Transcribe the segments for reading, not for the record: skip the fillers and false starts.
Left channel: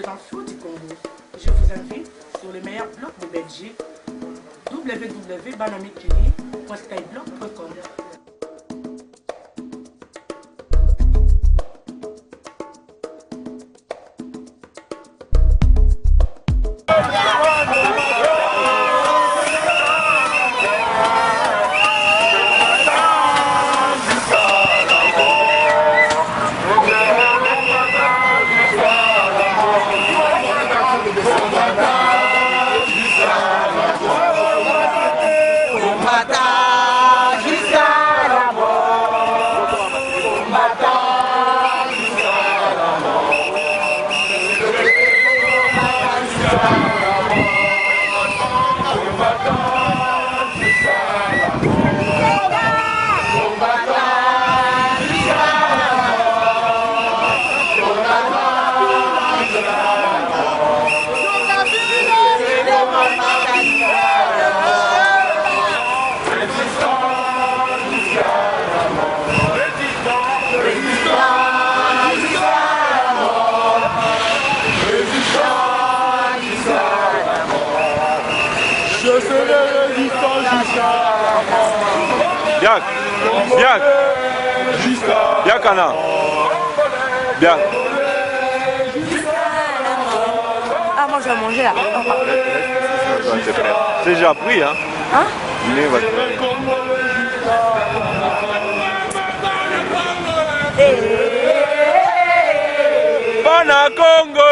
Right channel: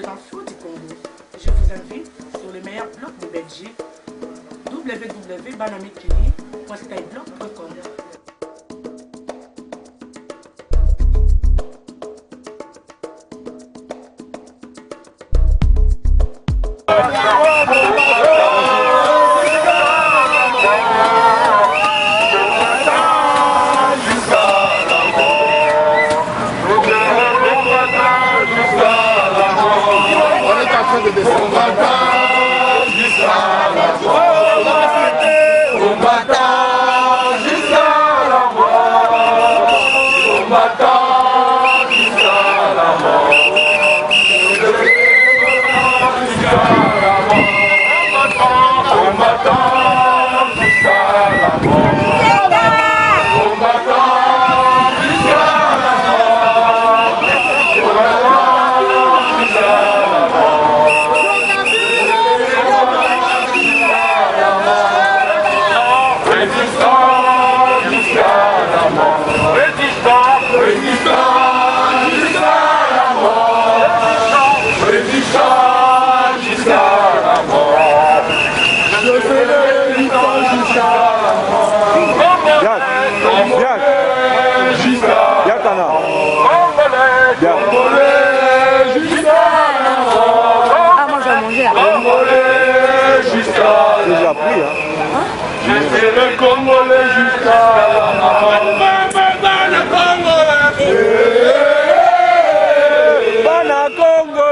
les infos du Congo. Je vous invite sur les meilleurs blogs de Belgique, www.banamikili.skyblog.com. Bien. Ah, moi je vais manger là. C'est déjà pris, hein? Bana Congo,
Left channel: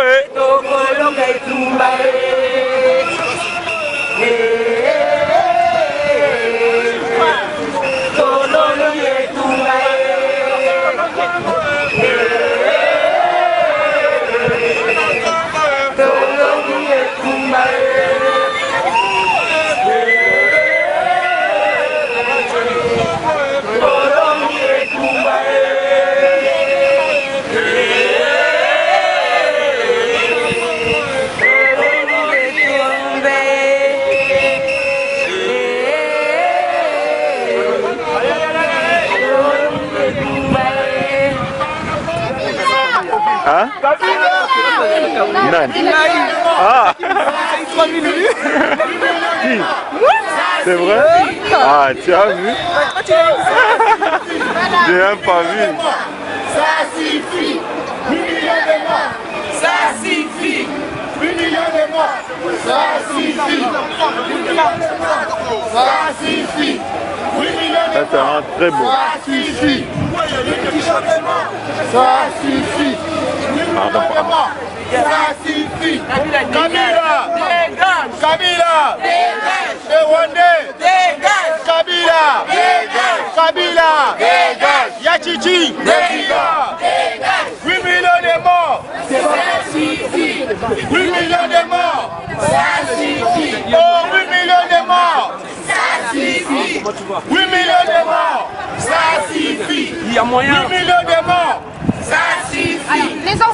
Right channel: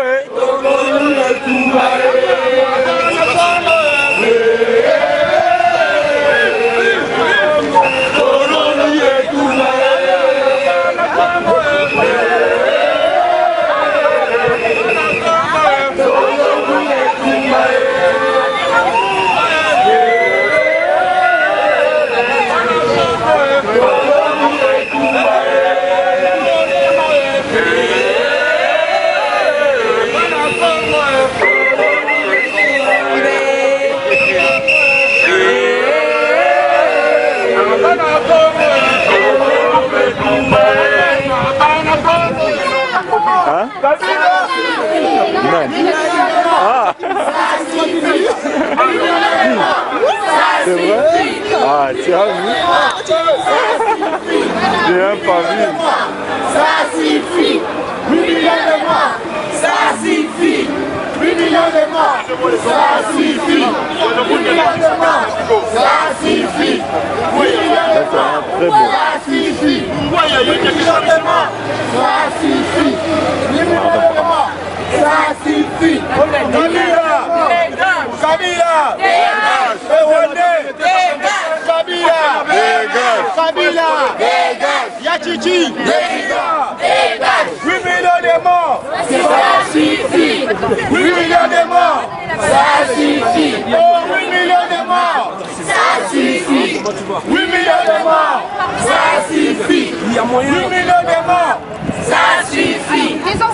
Ah. C'est vrai? Ah, tu as vu? J'ai un pas vu. Ça suffit! 8 millions de morts! Ça suffit! 8 millions de morts! Ça suffit! 8 millions de morts! Ça suffit! 8 millions de morts! Très beau. Ça suffit! 8 millions de morts! Ça suffit! 8 millions de morts! Ça suffit! Kabila! Kabila! Dégage! Les Rwandais! Dégage! Kabila! Dégage! Kabila! Dégage! Yachichi! Dégage! 8 millions de morts! Ça suffit! 8 millions de morts! Ça suffit! Oh, 8 millions de morts! Ça suffit! 8 millions de morts! Ça suffit! 8 millions de morts! Ça suffit!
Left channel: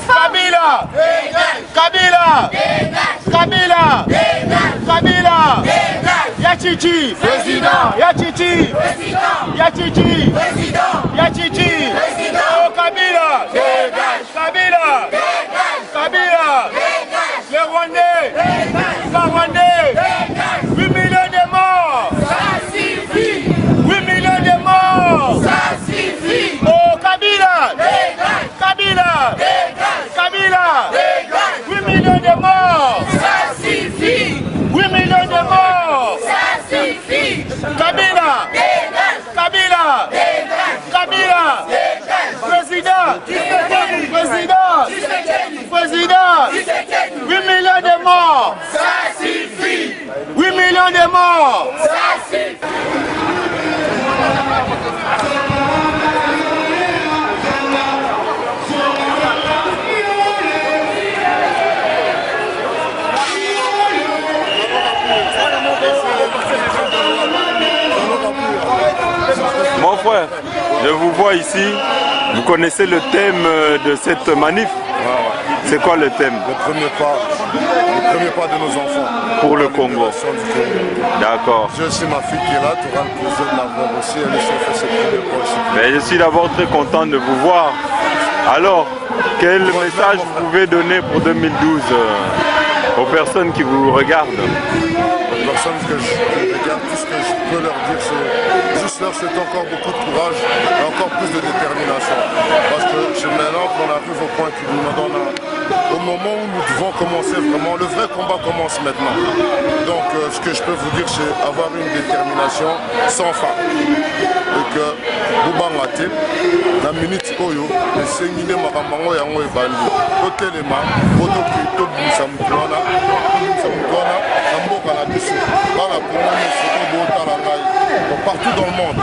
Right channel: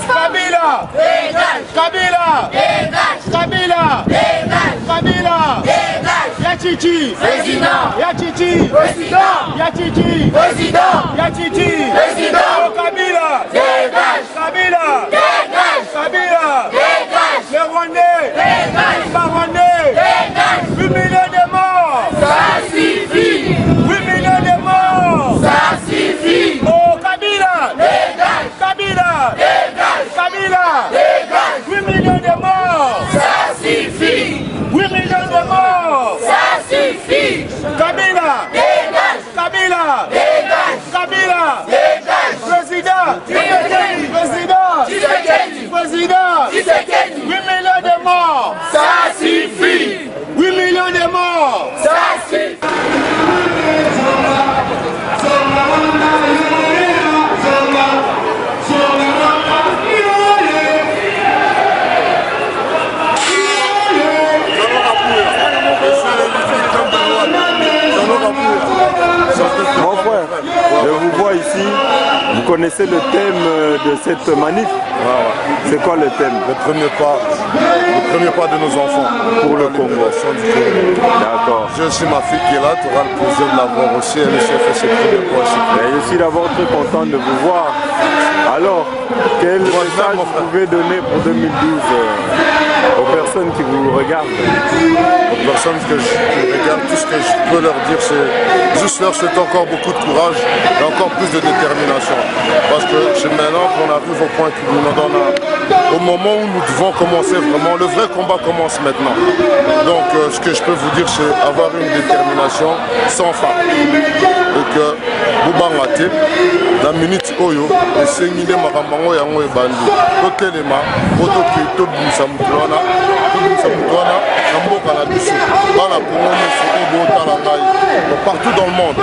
Kabila! Dégage! Kabila! Dégage! Kabila! Dégage! Kabila! Dégage! Yachichi! Président! Yachichi! Président! Yachichi! Président! Yachichi! Président! Oh, Kabila! Dégage! Kabila! Dégage! Kabila! Dégage! Les Rwandais! Dégage! Pas Rwandais! Dégage! 8 millions de morts! Ça suffit! 8 millions de morts! Ça suffit! Oh, Kabila! Dégage! Kabila! Dégage! Kabila! Dégage! 8 millions de morts! Ça suffit! 8 millions de morts! Ça suffit! Kabila! Dégage! Kabila! Dégage! Kabila! Dégage! Président! Tshisekedi! Président! Tshisekedi! Président! Tshisekedi! 8 millions de morts! Ça suffit! 8 millions de morts! Ça suffit! Mon frère, je vous vois ici, vous connaissez le thème de cette manif? C'est quoi le thème? Le premier pas de nos enfants pour le Congo. D'accord. J'ai aussi ma fille qui est là, tu auras le plaisir de la voir aussi, elle aussi a fait ses premiers pas ici. Mais je suis d'abord très content de vous voir Alors, quel message vous pouvez donner pour 2012 aux personnes qui vous regardent? Aux personnes qui me regardent, tout ce que je peux leur dire, c'est juste leur souhaiter encore beaucoup de courage et encore plus de détermination. Parce que c'est maintenant qu'on arrive au point qu'il nous donne au moment où nous devons commencer vraiment, le vrai combat commence maintenant. Donc ce que je peux vous dire, c'est avoir une détermination sans fin. Et que Boubangate, dans la minute Oyo, et c'est une idée Maramango Yango et Bandi. Totelema, Potoki, Tobinsa Mutouana, Namboka la Bissou, Bala Pomone, Obo Talangaï. Partout dans le monde,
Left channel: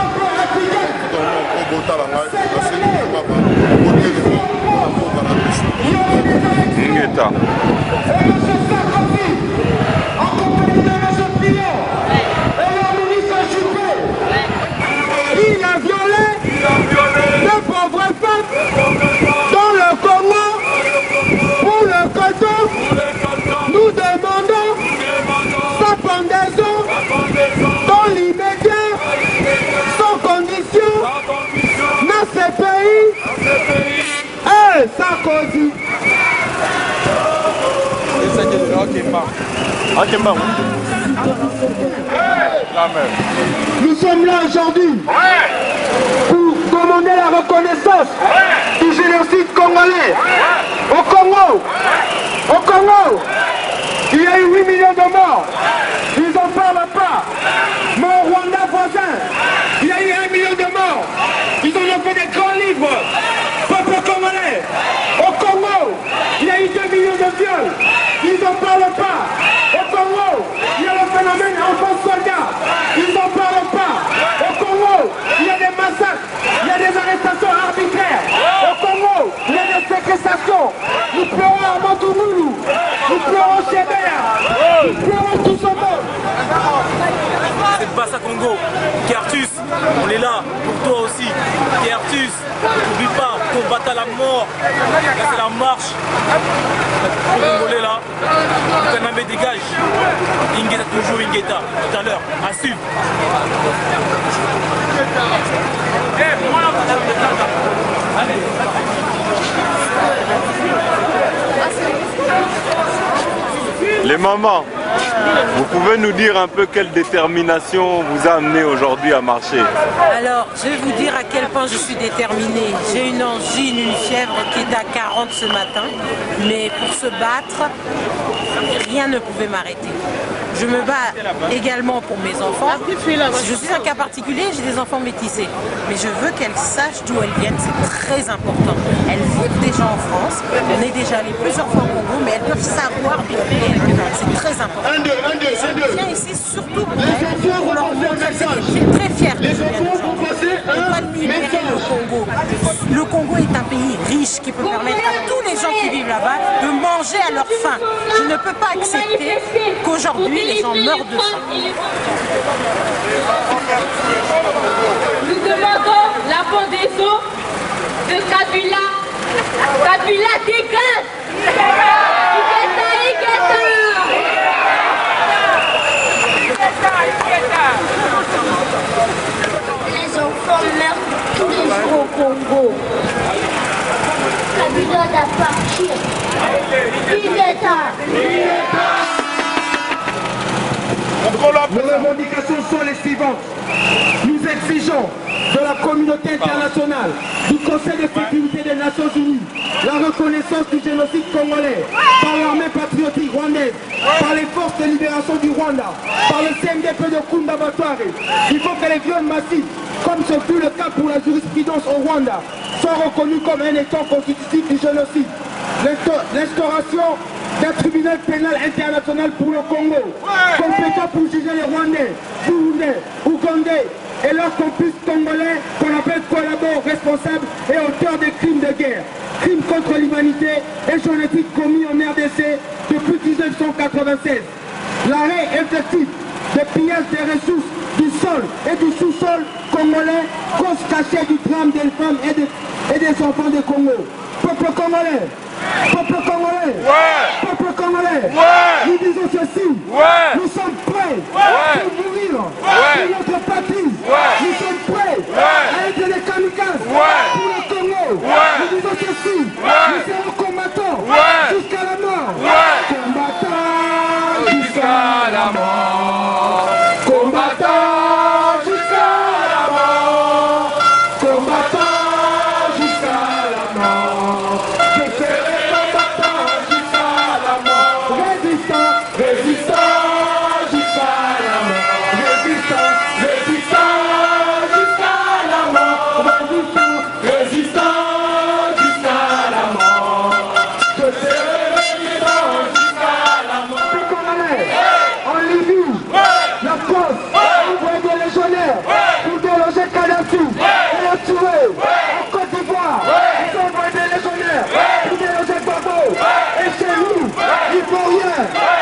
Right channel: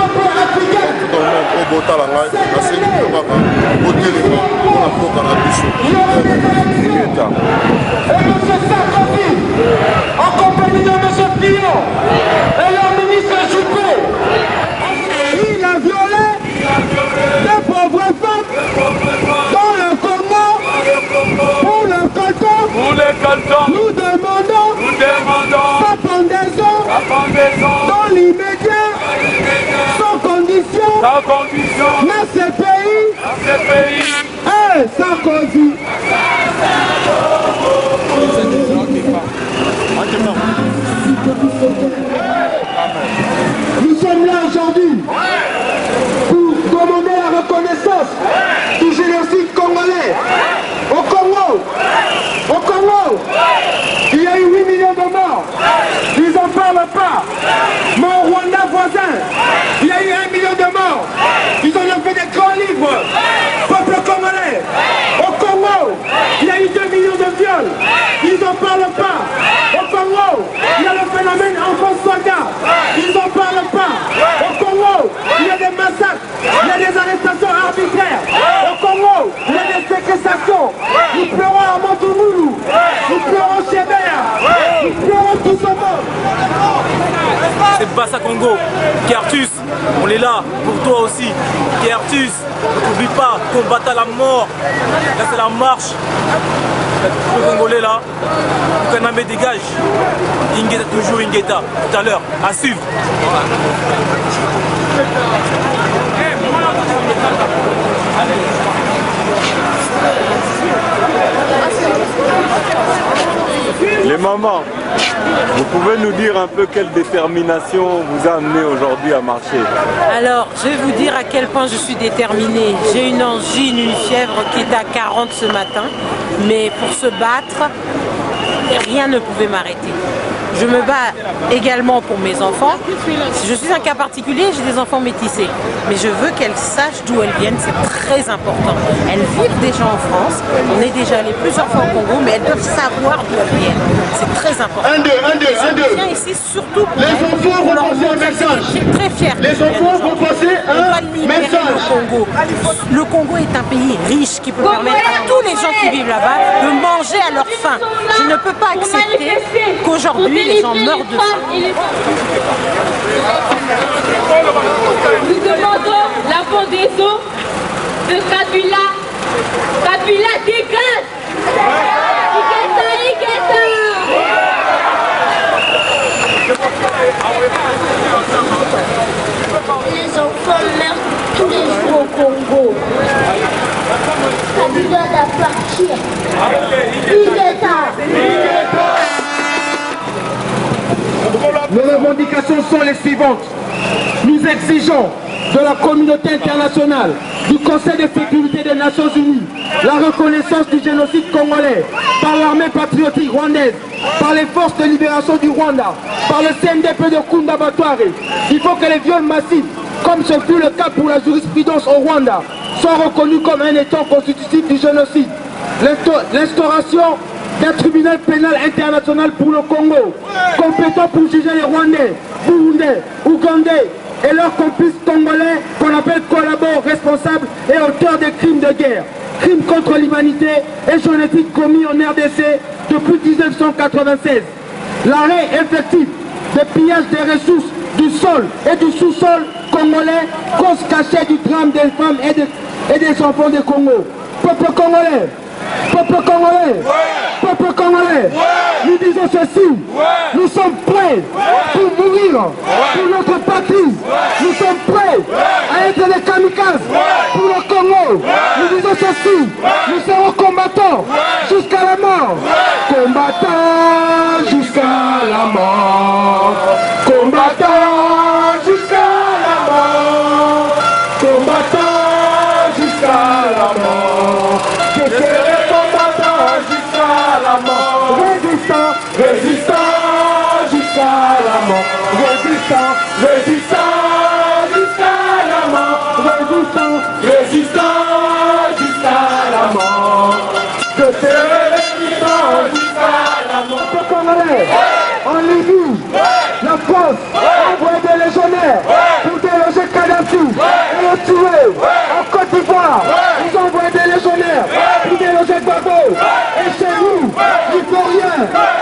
Obo Talangaï, la Sénie Mabaka, Totelema, Namboka la Bissou. Et M. Sarkozy, en compagnie de M. Fillon et leur ministre Juppé, il a violé de pauvres femmes dans le Congo. Pour le canton, nous demandons sa pendaison dans l'immédiat, sans condition, dans ce pays. Hey, Sarkozy. Nous sommes là aujourd'hui pour demander la reconnaissance du génocide congolais. Au Congo, il y a eu 8 millions de morts. Ils n'en parlent pas. Mais au Rwanda voisin, il y a eu 1 million de morts. Ils en ont fait des grands livres. Peuple congolais. Au Congo, il y a eu 2 millions de viols. Ils n'en parlent pas. Au Congo, il y a le phénomène enfants-soldats. Ils n'en parlent pas. Au Congo, il y a des massacres. Il y a des arrestations arbitraires. Au Congo, il y a des séquestrations. Nous pleurons à Montounoulou. Nous pleurons chez Béa. Nous pleurons tout ce monde. C'est Bassa Congo. Kertus, on est là pour toi aussi. Kertus, n'oublie pas, combattre à la mort. Là c'est la marche. Le Congolais là, Kaname dégage. Ingeta toujours Ingeta. Tout à l'heure, à suivre. Les mamans, vous pouvez nous dire un peu quelle détermination vous a amené aujourd'hui à marcher? Alors, je vais vous dire à quel point je suis déterminée. J'ai une angine, une fièvre qui est à 40 ce matin, mais pour se battre, rien ne pouvait m'arrêter. Je me bats également pour mes enfants. Je suis un cas particulier, j'ai des enfants métissés. Mais je veux qu'elles sachent d'où elles viennent, c'est très important. Elles vivent déjà en France, on est déjà allé plusieurs fois au Congo, mais elles doivent savoir d'où elles viennent. C'est très important. Je viens ici surtout pour elles, pour leur montrer, c'est très fier que je vienne aujourd'hui. On doit libérer le Congo. Le Congo est un pays riche qui peut permettre à tous les gens qui vivent là-bas de manger à leur faim. Je ne peux pas accepter qu'aujourd'hui, les gens meurent de faim. Nous demandons la pendaison de Kabila. Kabila dégage. Les enfants meurent tous les jours au Congo. Kabila doit partir. Nos revendications sont les suivantes. Nous exigeons de la communauté internationale, du Conseil de sécurité des Nations Unies, la reconnaissance du génocide congolais par l'armée patriotique rwandaise, par les forces de libération du Rwanda, par le CNDP de Kunda Batware. Il faut que les viols massifs, comme ce fut le cas pour la jurisprudence au Rwanda, soient reconnus comme un état constitutif du génocide. L'instauration d'un tribunal pénal international pour le Congo, compétent pour juger les Rwandais, Burundais, Ougandais et leurs complices congolais qu'on appelle collabos responsables et auteurs des crimes de guerre, crimes contre l'humanité et génocides commis en RDC depuis 1996. L'arrêt effectif des pillages des ressources du sol et du sous-sol congolais, cause cachée du drame des femmes et des enfants du Congo. Peuple congolais, peuple congolais, peuple congolais, nous disons ceci, nous sommes prêts pour mourir pour notre patrie, nous sommes prêts à être des kamikazes pour le Congo, nous disons ceci, nous serons combattants jusqu'à la mort. Combattants jusqu'à la mort. Combattants jusqu'à la mort. Combattants jusqu'à la mort. Je serai combattant jusqu'à la mort. Résistant, résistant jusqu'à la mort. Résistant, résistant jusqu'à la mort. Résistant, résistant jusqu'à la mort. Je serai résistant jusqu'à la mort. Ce qu'on allait en Libye, la France envoie des légionnaires pour déloger Kadhafi et le tuer. En Côte d'Ivoire, ils envoient des légionnaires pour déloger Gbagbo. Et chez nous, l'Ivoirien,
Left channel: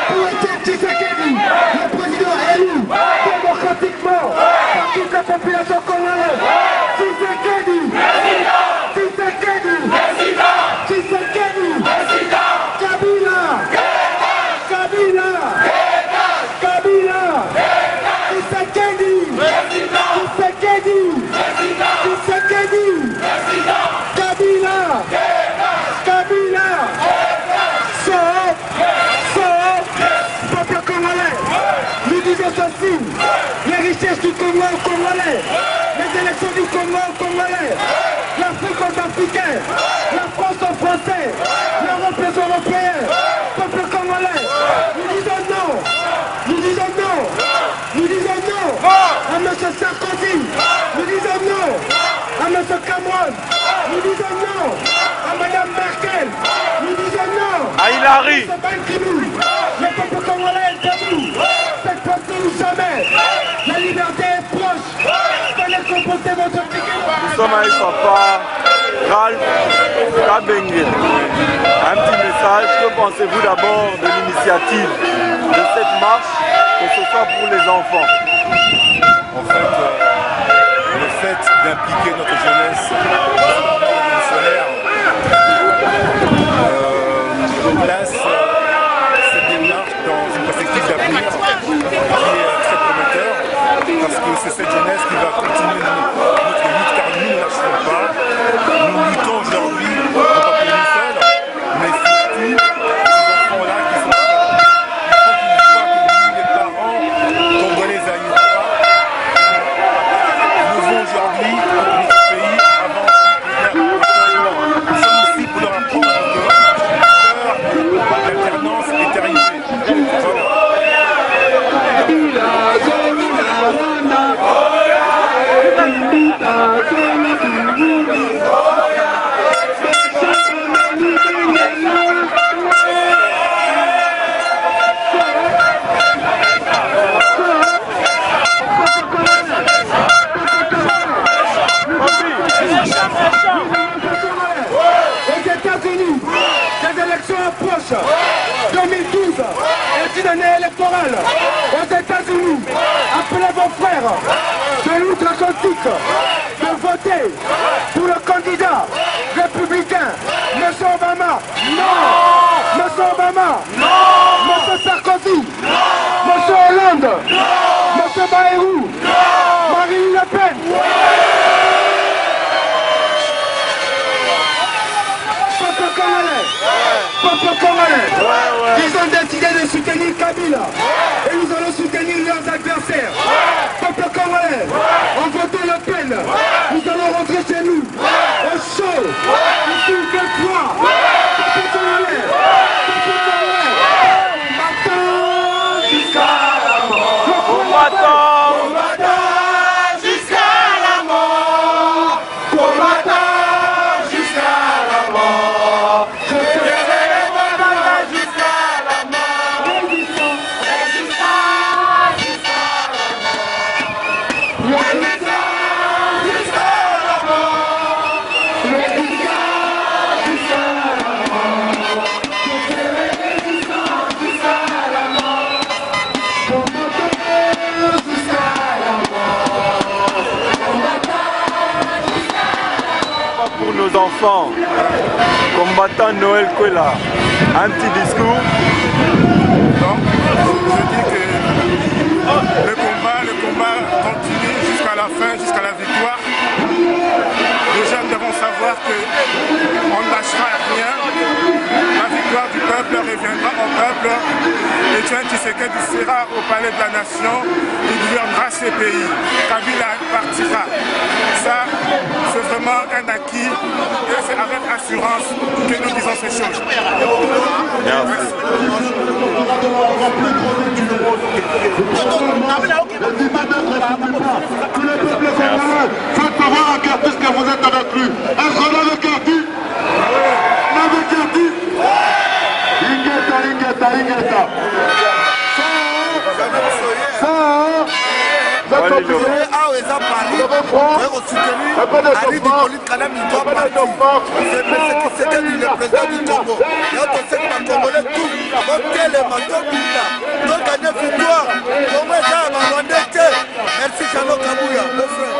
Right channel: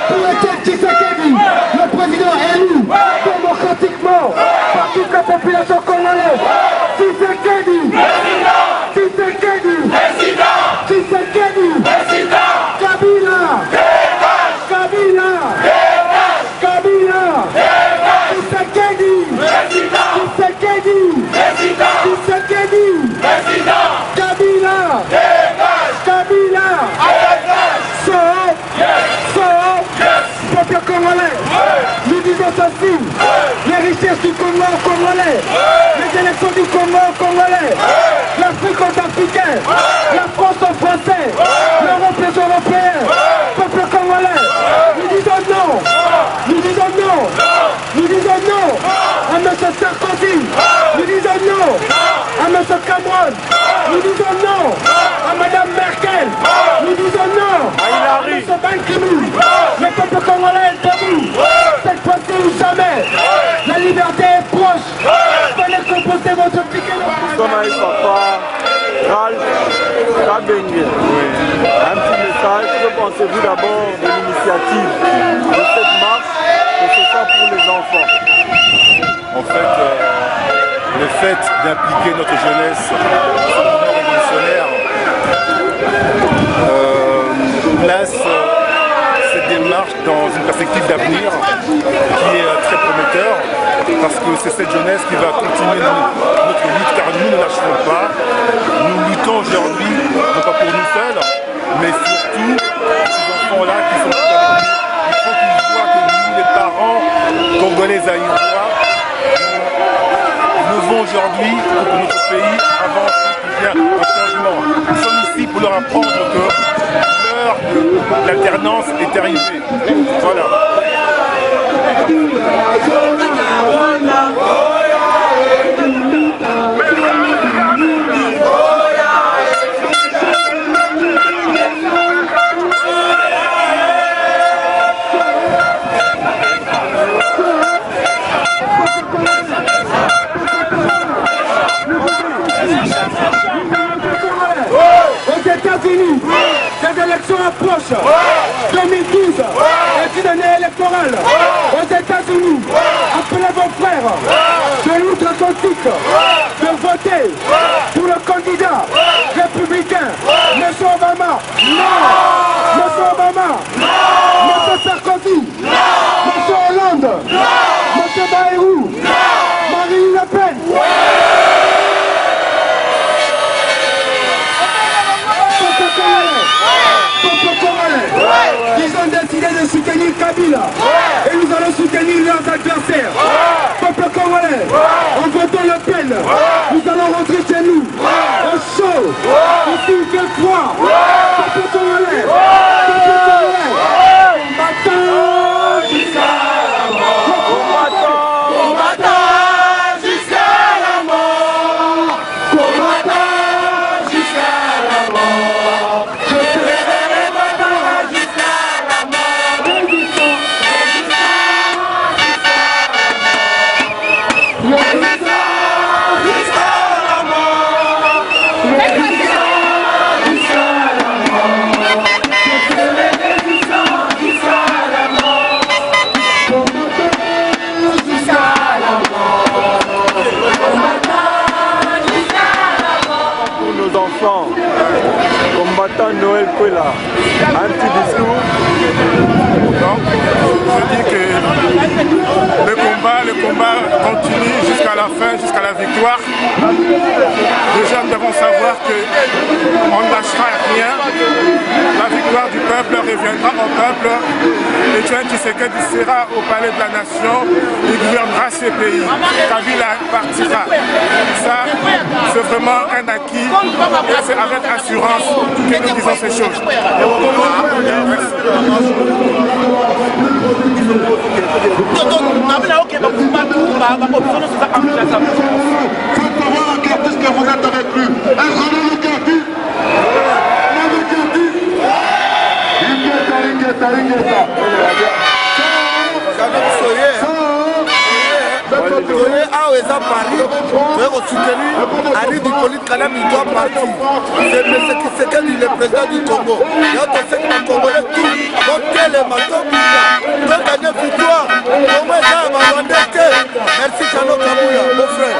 pour Étienne Tshisekedi, le président élu démocratiquement par toute la population congolaise. Tshisekedi, Tshisekedi, Tshisekedi, Kabila, Kabila, Kabila, Tshisekedi, Tshisekedi, Tshisekedi, Kabila, Kabila, sort, peuple congolais. Nous disons ceci, les richesses du Congo congolais, les élections du Congo congolais, l'Afrique aux Africains, la France aux Français, l'Europe aux Européens, peuple congolais. Nous disons non, nous disons non, nous disons non à M. Sarkozy, nous disons non à M. Cameron, nous disons non à Mme Merkel, nous disons non à Hillary, M. Ban Ki-moon. Le peuple congolais est debout, cette fois-ci ou jamais. La liberté est proche. Venez composer votre ticket. nous sommes avec papa Ralph Kabengel. Un petit message, que pensez-vous d'abord de l'initiative de cette marche, que ce soit pour les enfants? En fait, le fait d'impliquer notre jeunesse dans ce mouvement révolutionnaire place cette démarche dans une perspective d'avenir qui est très prometteur, parce que c'est cette jeunesse qui va continuer notre lutte, car nous ne lâcherons pas. Nous luttons aujourd'hui, non pas pour nous seuls, mais surtout ces enfants-là qui sont avec nous. Il faut qu'ils voient que nous, les parents congolais aïrois, nous devons aujourd'hui pour que notre pays avance et qu'il y ait un changement. Nous sommes ici pour leur apprendre que l'alternance est arrivée. Voilà. Aux États-Unis, les élections approchent. 2012 est une année électorale. Aux États-Unis, appelez vos frères de l'outre-Atlantique de voter pour le candidat républicain, M. Obama. Non, M. Obama. Non, M. Sarkozy. Non, M. Hollande. Non, M. Bayrou. Non, Marine Le Pen. Ils ont décidé de soutenir Kabila et nous allons soutenir leurs adversaires. Peuple congolais, en votant Le Pen, nous allons rentrer chez nous au chaud, ici il fait froid. Peuple congolais, combattant jusqu'à la mort. Combattant jusqu'à la mort. Combattant jusqu'à la mort. Pour nos enfants, combattant Noël Kwela, un petit discours. Donc, je dis que le combat continue jusqu'à la fin, jusqu'à la victoire. Les jeunes devront savoir qu'on ne lâchera rien. La victoire du peuple reviendra au peuple. Et Etienne Tshisekedi sera au palais de la nation. Il gouvernera ce pays. Kabila partira. Ça, c'est vraiment un acquis. Et c'est avec assurance que nous disons ces choses. Merci. Faites voir à Curtis que vous êtes avec lui. Est-ce qu'on a le Curtis? On a le Curtis? Ingeta. Ah, ils ont Paris, tu as soutenu Harry Hippolyte Kalem, il doit partir. C'est M. Tshisekedi, le président du Congo. Il y a aussi les Congolais tout. Donc, les matos, donc, gagner victoire. Comment ça va abandonner? Merci, Chano Kabouya, mon frère.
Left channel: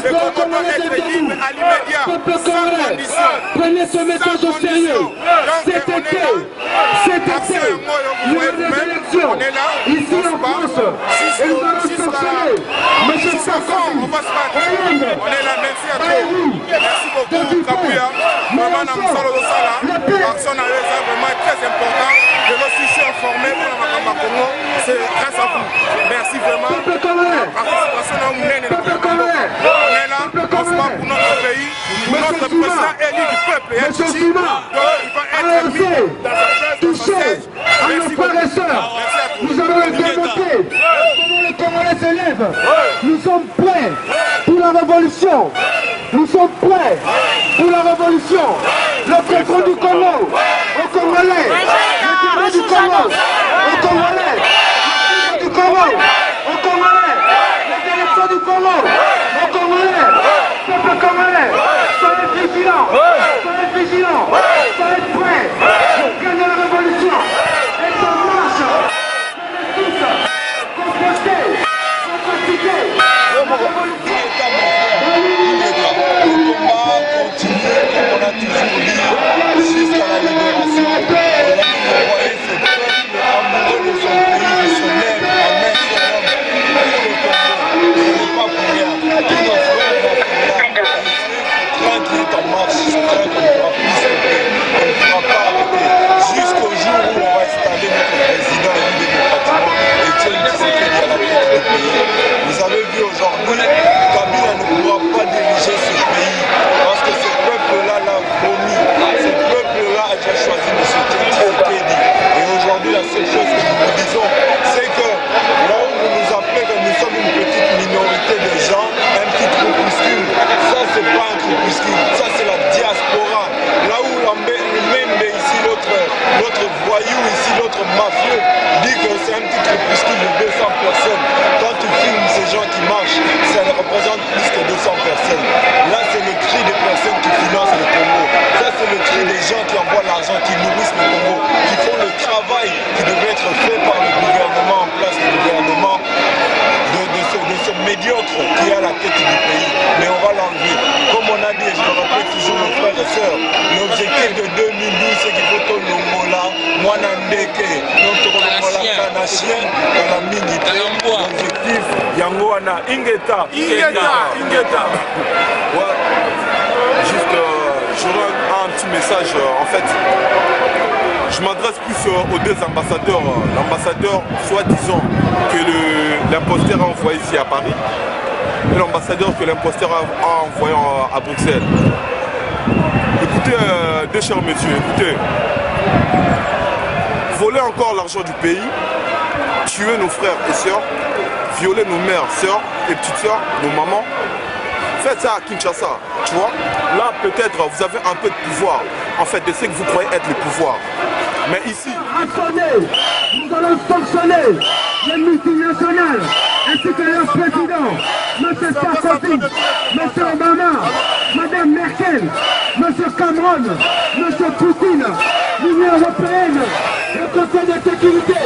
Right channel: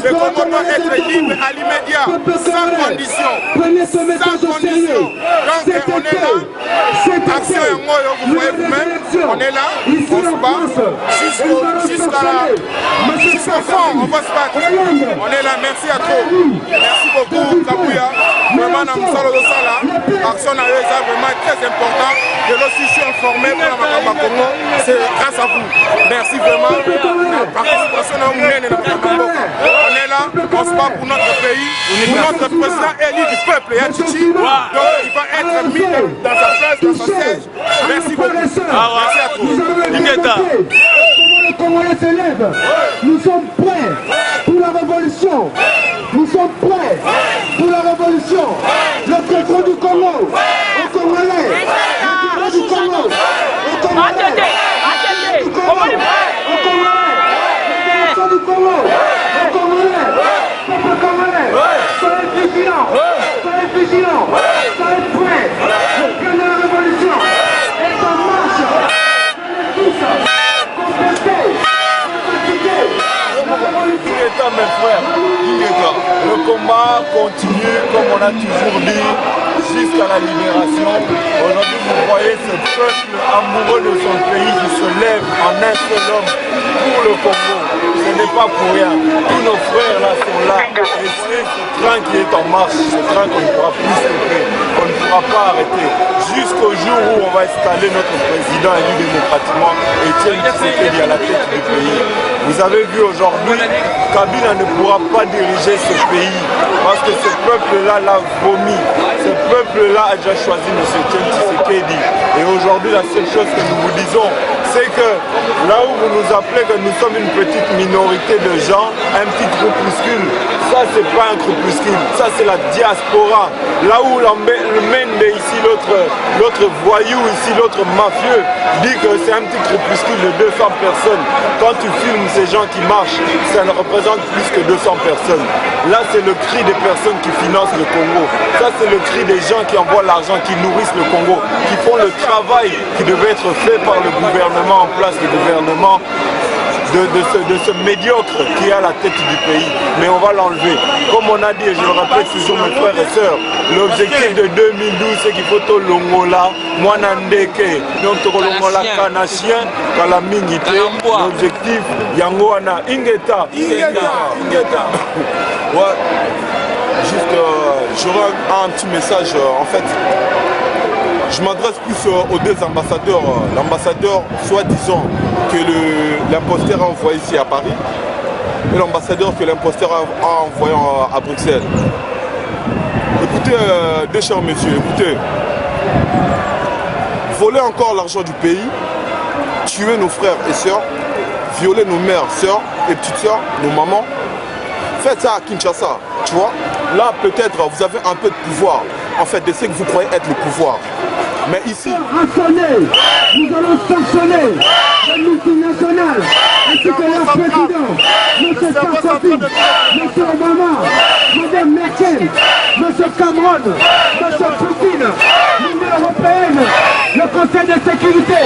Le Congo doit être libre à l'immédiat, sans condition. Prenez ce message au sérieux. Donc on est là, action et moi, vous voyez vous-même, on est là, on se bat jusqu'à fond, on va se battre. On est là, merci à toi. Merci beaucoup Kabouya. Vraiment, dans le salon de Sala, action à eux, c'est vraiment très important. Je suis informé pour la Makamba Congo, c'est grâce à vous. Merci vraiment. La participation à Mounene dans la Makamba. On est là, on se bat pour notre pays, pour notre président élu du peuple, Yachichi. Donc il va être mis dans sa place, dans sa siège. Merci beaucoup. Merci à tous. Comment les Congolais s'élèvent? Nous sommes prêts pour la révolution. Nous sommes prêts pour la révolution. Le président du Congo, au Congolais, le du Congo, au Congolais, du Congo, au Congolais, le du Congo, au Congolais, peuple congolais, soyez vigilants, soyez prêts pour gagner la révolution. Et ça marche. Le combat continue comme on a toujours dit jusqu'à la libération. Aujourd'hui, vous voyez ce peuple amoureux de son pays qui se lève en un seul homme pour le Congo. Ce n'est pas pour rien. Tous nos frères là sont là. Et c'est ce train qui est en marche, ce train qu'on ne pourra plus stopper, qu'on ne pourra pas arrêter. Jusqu'au jour où on va installer notre président élu démocratiquement, Etienne Tshisekedi à la tête du pays. Vous avez vu aujourd'hui, Kabila ne pourra pas diriger ce pays parce que ce peuple-là l'a vomi. Ce peuple-là a déjà choisi M. Tshisekedi. Et aujourd'hui, la seule chose que nous vous disons, c'est que là où vous nous appelez que nous sommes une petite minorité de gens, un petit groupuscule, ça c'est pas un groupuscule, ça c'est la diaspora. Là où le Mende ici, l'autre voyou ici, l'autre mafieux, dit que c'est un petit groupuscule de 200 personnes. Quand tu filmes ces gens qui marchent, ça ne représente plus que 200 personnes. Là c'est le cri des personnes qui financent le Congo. Ça c'est le cri des gens qui envoient l'argent, qui nourrissent le Congo, qui font le travail qui devait être fait par le gouvernement en place, le gouvernement de ce médiocre qui est à la tête du pays. Mais on va l'enlever. Comme on a dit, et je le répète toujours mes frères et sœurs, l'objectif de 2012 c'est qu'il faut tout longola, Mwanandeke, donc tout longola kanachien, kalamingite. L'objectif, Yangoana, Ingeta. Ouais. Juste, j'aurais un petit message. En fait, Je m'adresse plus aux deux ambassadeurs. L'ambassadeur, soi-disant, que l'imposteur a envoyé ici à Paris, et l'ambassadeur que l'imposteur a envoyé à Bruxelles. Écoutez, deux chers messieurs, écoutez. Voler encore l'argent du pays, tuer nos frères et sœurs, violer nos mères, sœurs et petites sœurs, nos mamans. Faites ça à Kinshasa, tu vois. Là, peut-être, vous avez un peu de pouvoir. En fait, de ce que vous croyez être le pouvoir. Mais ici... Nous allons sanctionner les multinationales ainsi que leur président, M. Sarkozy, M. Obama, Mme Merkel, M. Cameron, M. Poutine, l'Union européenne, le Conseil de sécurité,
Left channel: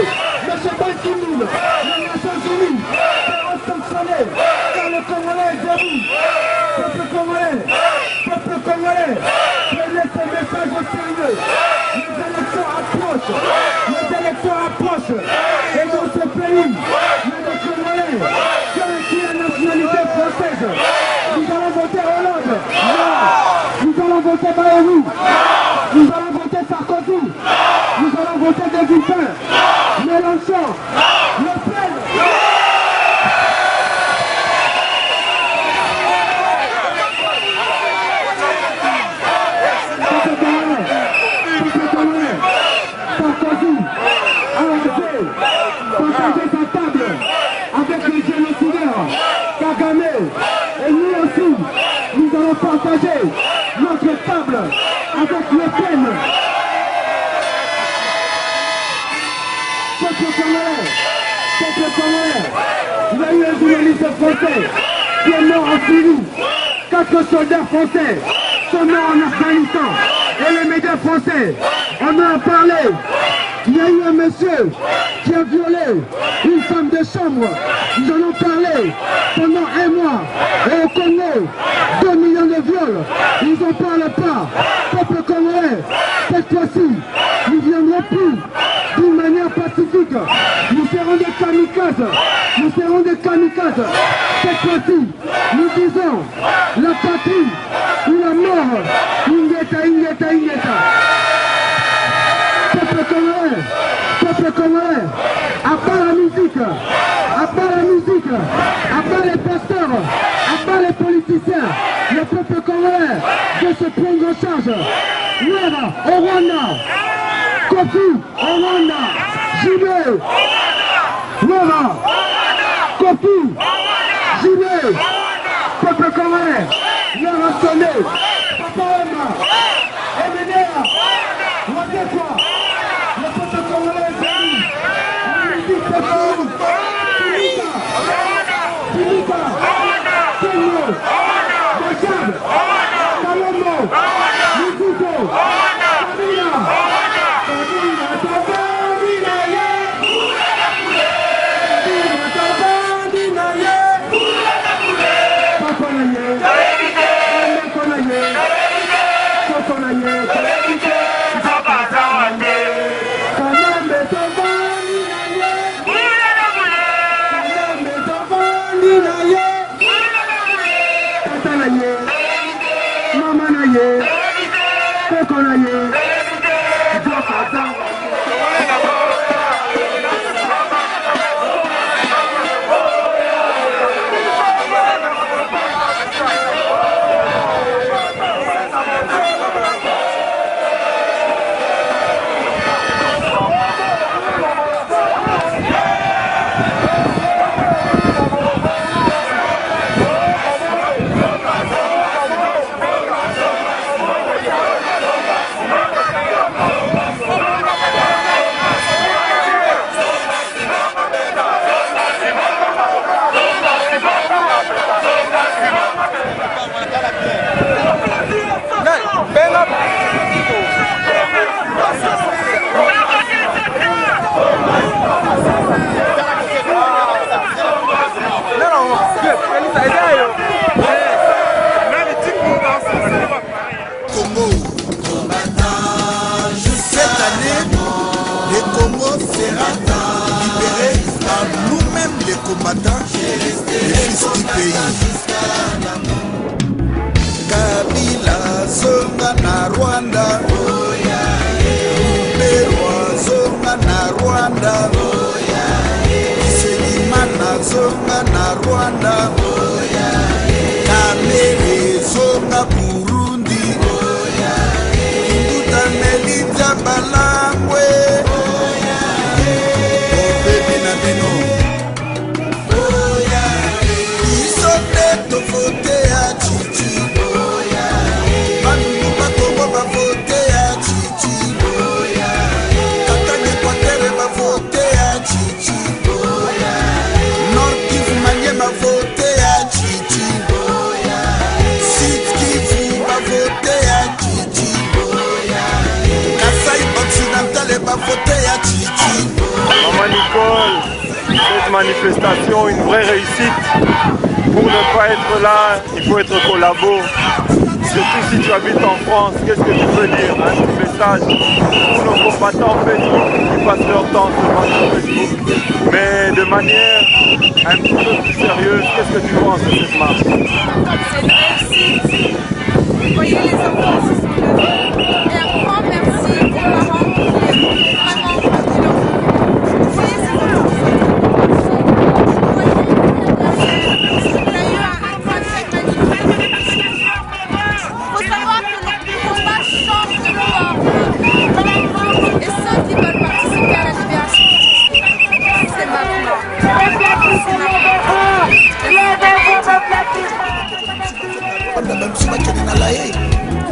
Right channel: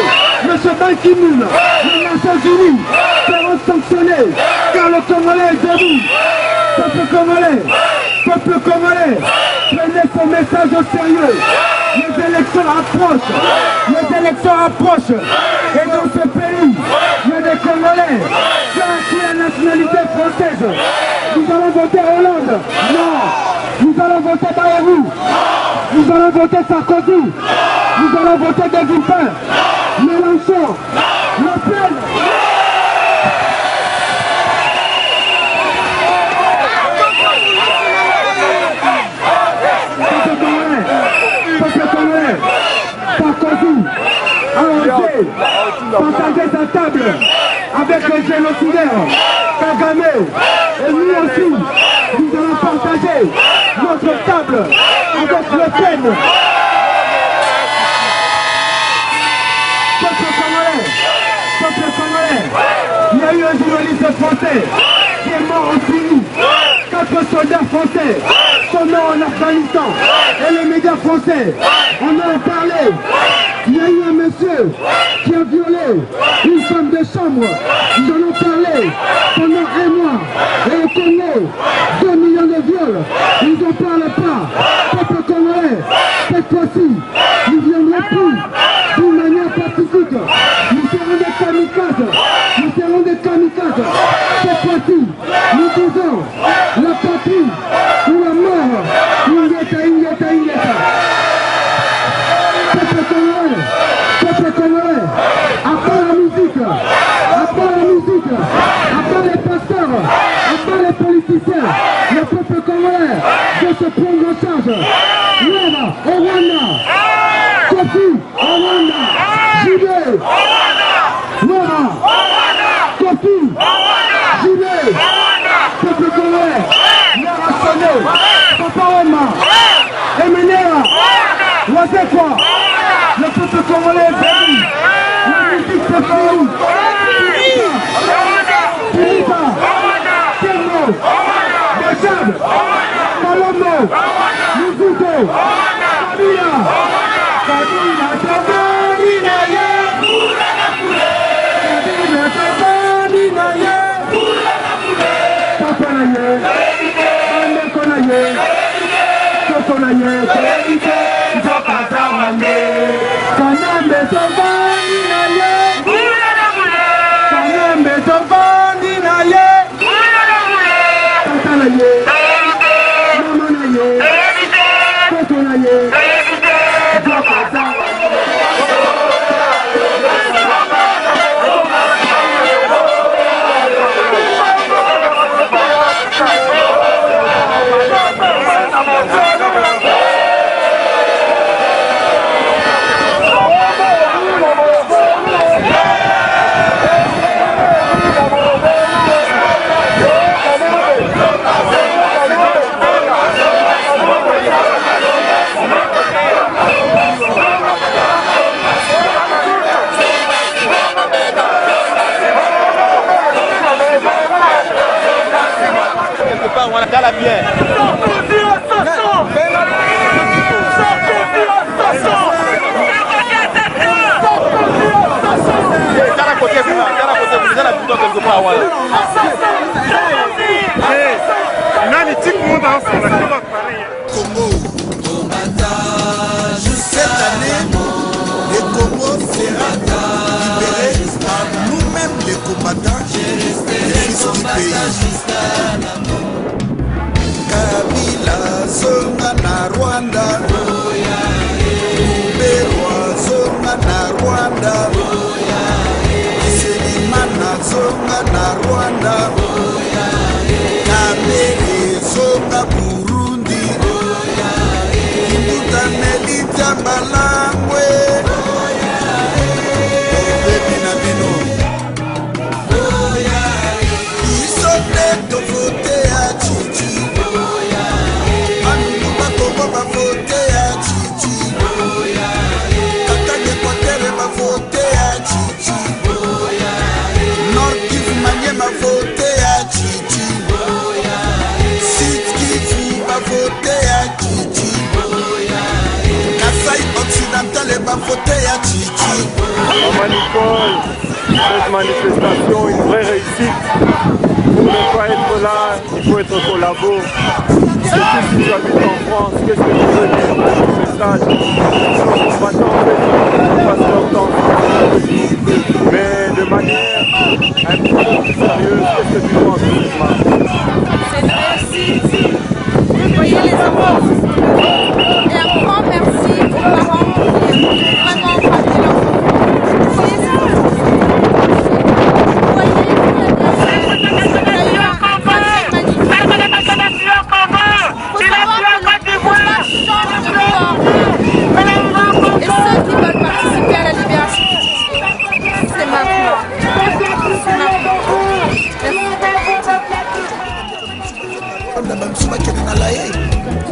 M. Ban Ki-moon, les Nations Unies seront sanctionnés car le Congolais est debout. Peuple congolais, prenez ce message au sérieux. Les élections approchent. Et dans ce pays, il y a des Congolais qui ont acquis la nationalité française. Nous allons voter Hollande. Non. Nous allons voter Bayrou. Nous allons voter Sarkozy. Nous allons voter Delvin. Mélenchon. Le Pen. Partager sa table avec les génocidaires, Kagame, et nous aussi, nous allons partager notre table avec le Pen. Peuple congolais, il y a eu un journaliste français qui est mort en Syrie, 4 soldats français sont morts en Afghanistan, et les médias français en ont parlé. Il y a eu un monsieur qui a violé une femme de chambre. Nous en avons parlé pendant un mois. Et au Congo, 2 millions de viols. Ils n'en parlent pas. Peuple congolais, cette fois-ci, nous ne viendrons plus d'une manière pacifique. Nous serons des kamikazes. Nous serons des kamikazes. Cette fois-ci, nous disons la patrie ou la mort. Ingeta, ingeta, ingeta. Peuple congolais, à part la musique, à part les pasteurs, à part les politiciens, le peuple congolais doit se prendre en charge. Leva au Rwanda, Kofi au Rwanda, Jubilé, Leva, Kofi, Jubilé, peuple congolais, Leva Sonde, Papaoma, Eminera, Wazekwa. Le peuple congolais est béni. La musique c'est béni. Pilita, Kenno, Bachab, Kalombo, Muzuko, Kabila, Tabani Naye, Kabila Tabani Naye, Papa Naye, Bandeko Naye, Koko Naye, Papa Naye. Kanambe Tovani Naye, Kanambe Tovani Naye, Tata Naye, Mama Naye, Koko Naye, Dwakata. Congo. Cette année, le Congo sera libéré par nous-mêmes les combattants, les fils du pays. Kabila zonga na Rwanda, Lubero zonga Burundi Kimbuta Meli Jambalangwe Obebi na bino Iso neto vote ya Chichi Bandu bakongo ba vote ya Chichi Katanga Kwatere ba vote ya Chichi Nord Kivu Maniema vote ya Chichi Sud Kivu ba vote ya Chichi Kasai Occidental ba vote ya Chichi. Maman Nicole, cette manifestation, une vraie réussite. Pour ne pas être là, il faut être collabo. Surtout si tu habites en France, qu'est-ce que tu veux dire? Un petit message pour nos combattants Facebook qui passent leur temps seulement sur Facebook, mais de manière un petit peu plus sérieuse. Qu'est-ce que tu penses de cette marche? C'est une réussite. Vous voyez, les enfants se sont levés. Et un grand merci aux parents qui ont vraiment ramené leurs enfants. Vous voyez ces enfants qui sont branchés. Vous voyez qu'il y a derrière. Il y a eu un sacré magnifique. Il faut savoir que le combat change de forme. Et ceux qui veulent participer à la libération du Tchétché, c'est maintenant. C'est maintenant.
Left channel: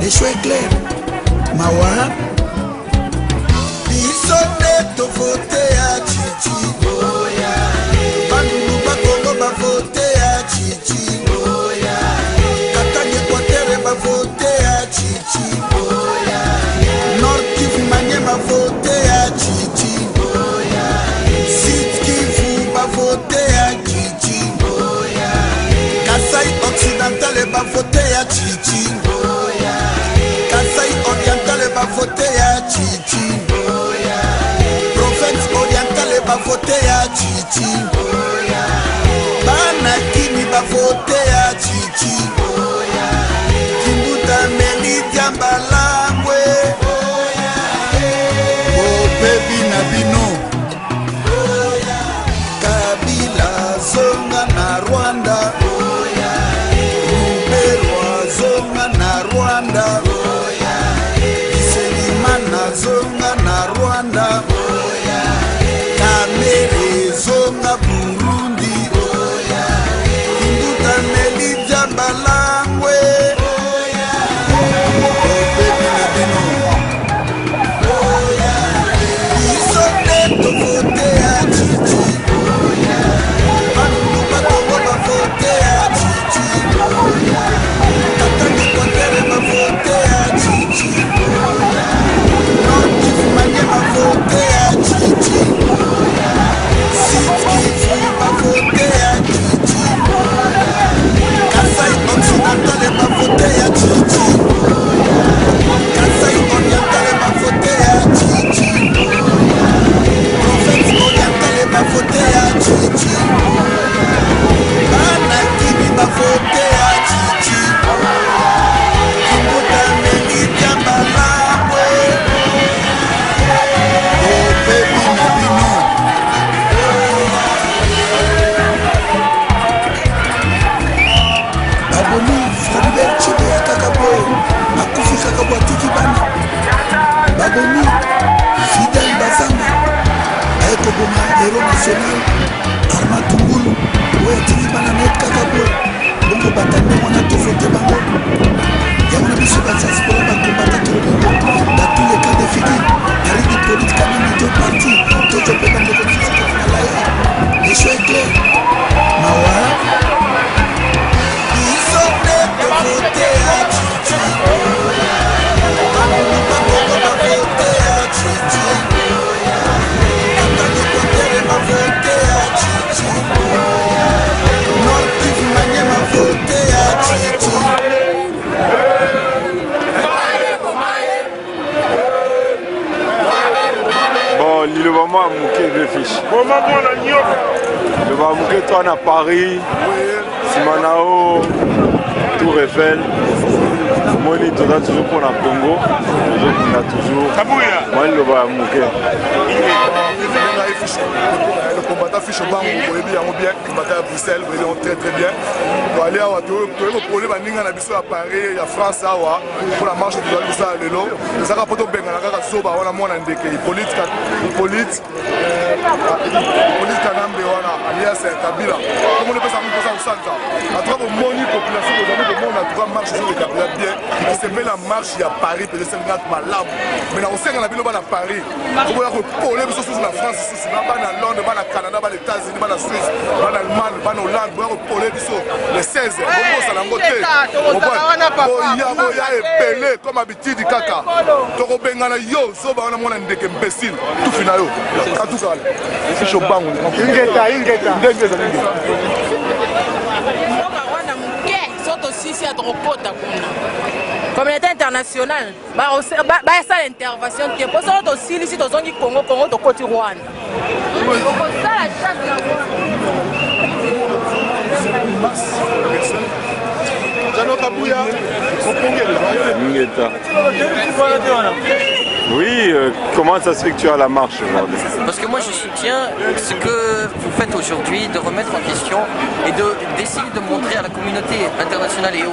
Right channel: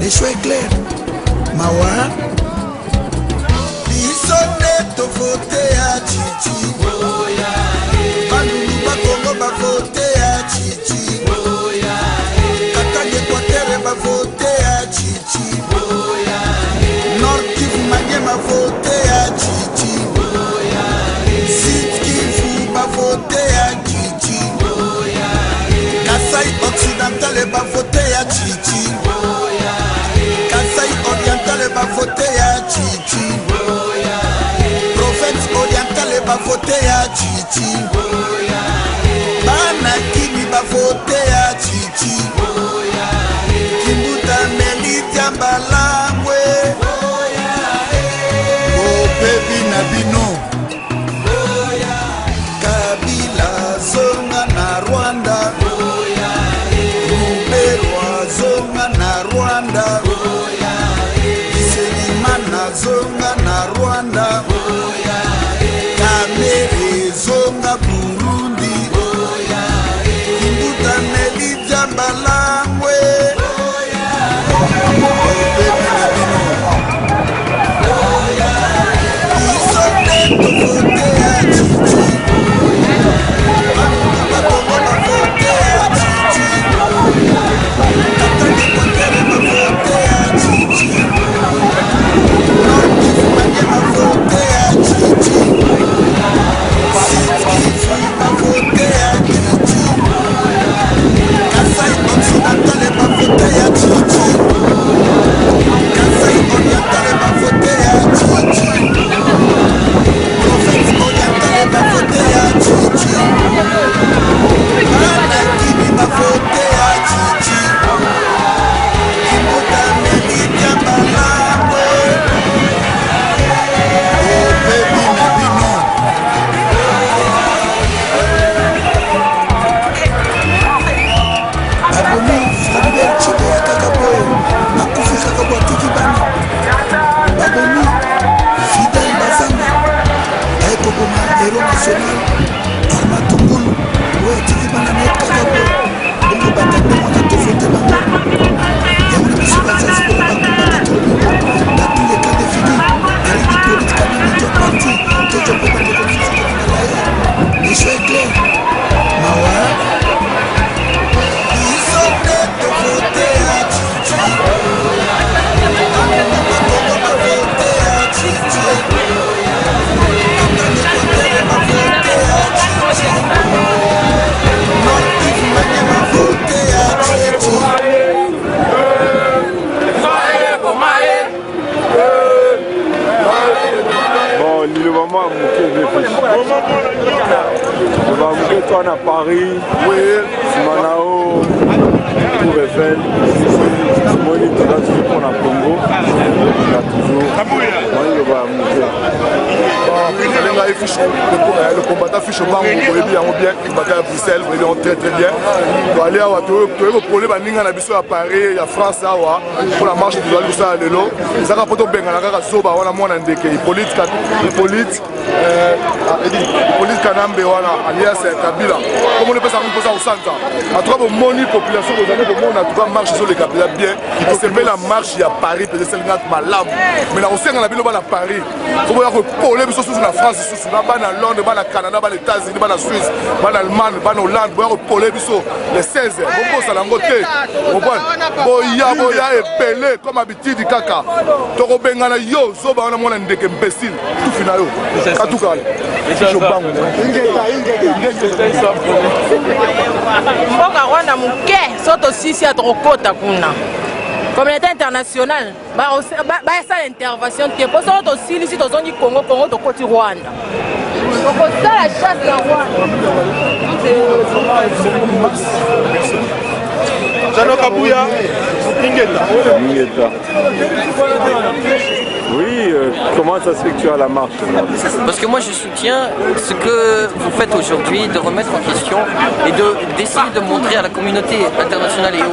Les choix clairs. Mawa Biso neto vote ya Chichi Bandu bakongo ba vote ya Chichi Katanga Kwatere ba vote ya Chichi Nord Kivu Maniema vote ya Chichi Sud Kivu ba vote ya Chichi Kasai Occidental ba vote ya Chichi Kasai Oriental ba vote ya Chichi Province Oriental ba vote ya Chichi Bana Kimi ba vote ya Chichi Kimbuta Meli Jambalangwe Oh baby na bino Kabila zonga na Rwanda Ruberwa zonga na Rwanda Zonga na Rwanda Kamere zonga Burundi Kimbuta Meli Jambalangwe Obebi na bino Iso neto vote ya Chichi Bandu bakongo ba vote ya Chichi Katanga Kwatere ba vote ya Chichi Nord Kivu Maniema vote ya Chichi Sud Kivu ba vote ya Chichi Kasai Occidental ba vote ya Chichi Kasai Oriental ba vote ya Chichi Province Oriental ba vote ya Chichi Bana Kimi ba vote ya Chichi Kimbuta Meli Jambalangwe Baby na bino Babomi Floribert Chibe ya Kakaboy Akufi Kakabo atiki bana Babomi Fidel Bazanga Aeko Goma Héros National Arma Tungulu Oye atiki bana net Kakaboy Bongo batande mwana tofote bango Yamuna biso bazaspora bakombata tolobibo dans tous les cas de figure Aridi politique quand même deux partis Toujours peu dans les conditions qui sont là Les choix est clair Mawa Ils sont nés de voter à Chichi Bandu bakongo ba voter à Chichi Katanga Kwatere ba voter à Chichi Nord Kivu Maniema voter à Chichi Bon, le moment a manqué de fiches. Le moment a manqué toi à Paris, Simanao, Tour Eiffel. Moni, tu as toujours pour la Congo. On a toujours. Moi, le va mourir. Le combattant fiche au banc, vous voyez bien, il battait à Bruxelles, vous voyez très très bien. Pour aller à le problème à Paris, il y a France pour la marche de l'Oussa à l'élo. Ça va pas tout bien, on a Zoba, on a moins d'indéqué. Hippolyte Kanambe, alias Kabila. Comment on peut s'en poser au centre? À travers mon population, vous avez le monde a trouvé marche sur les Kabila bien. C'est bien la marche, il y a Paris, peut-être c'est le gars malade. Mais là, on sait qu'on a bien à Paris. Vous voyez que pour les sous la France, sous la banne à Londres, banne à Canada, banne aux États-Unis, banne à Suisse, banne à Allemagne, banne à Hollande, vous voyez que pour les 16, bon, ça l'a ngoté. Boya et Pelé, comme habitude, Kaka. Toro Bengana, yo, Zoba, on a moins d'indéqué, imbécile. Tout final. En tout cas, c'est chaud. Communauté internationale, ça l'intervention. Pour ça, aussi, ici, dans le Congo, de côté Rwanda. C'est ça la chasse de la Oui, comment ça se fait que tu as la marche? Parce que moi je soutiens ce que vous faites aujourd'hui, de remettre en question et d'essayer de montrer à la communauté internationale et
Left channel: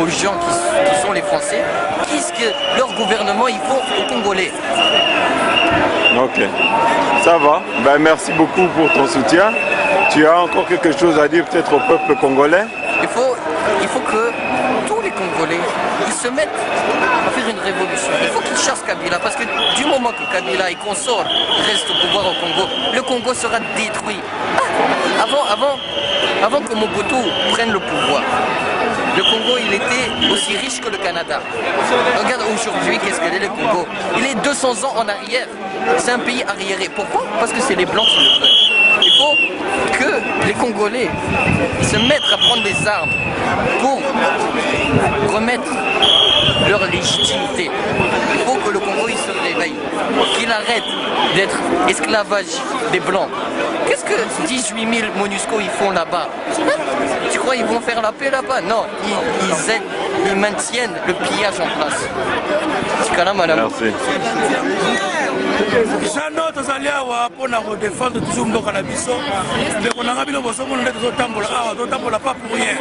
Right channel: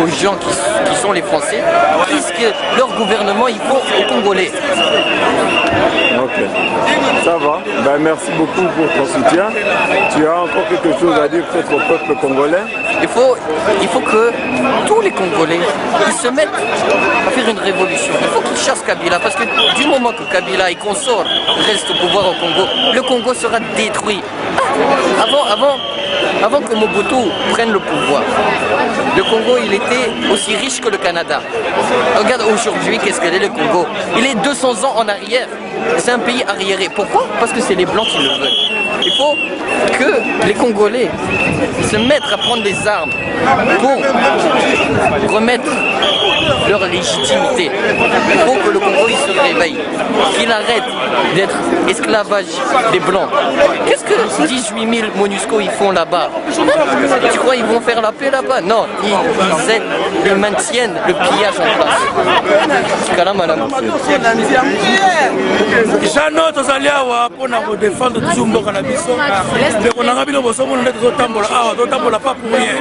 aux gens qui sont les Français qu'est-ce que leur gouvernement ils font aux Congolais. Ok, ça va. Ben, merci beaucoup pour ton soutien. Tu as encore quelque chose à dire peut-être au peuple congolais? Il faut que tous les Congolais ils se mettent à faire une révolution. Il faut qu'ils chassent Kabila parce que du moment que Kabila et consorts restent au pouvoir au Congo, le Congo sera détruit. Avant que Mobutu prenne le pouvoir, le Congo il était aussi riche que le Canada. Regarde aujourd'hui qu'est-ce que est le Congo. Il est 200 ans en arrière. C'est un pays arriéré. Pourquoi? Parce que c'est les Blancs qui le veulent. Il faut que les Congolais ils se mettent à prendre des armes pour remettre leur légitimité. Il faut que le Congo il se réveille, qu'il arrête d'être esclavage des Blancs. Qu'est-ce que 18 000 MONUSCO ils font là-bas? Tu crois qu'ils vont faire la paix là-bas? Non, ils aident, ils maintiennent le pillage en place. C'est là, madame. Jano tozali awa pona ko défendre toujours mboka na biso. Ndeko nanga bino bosomo nde totambola awa totambola pas pour rien.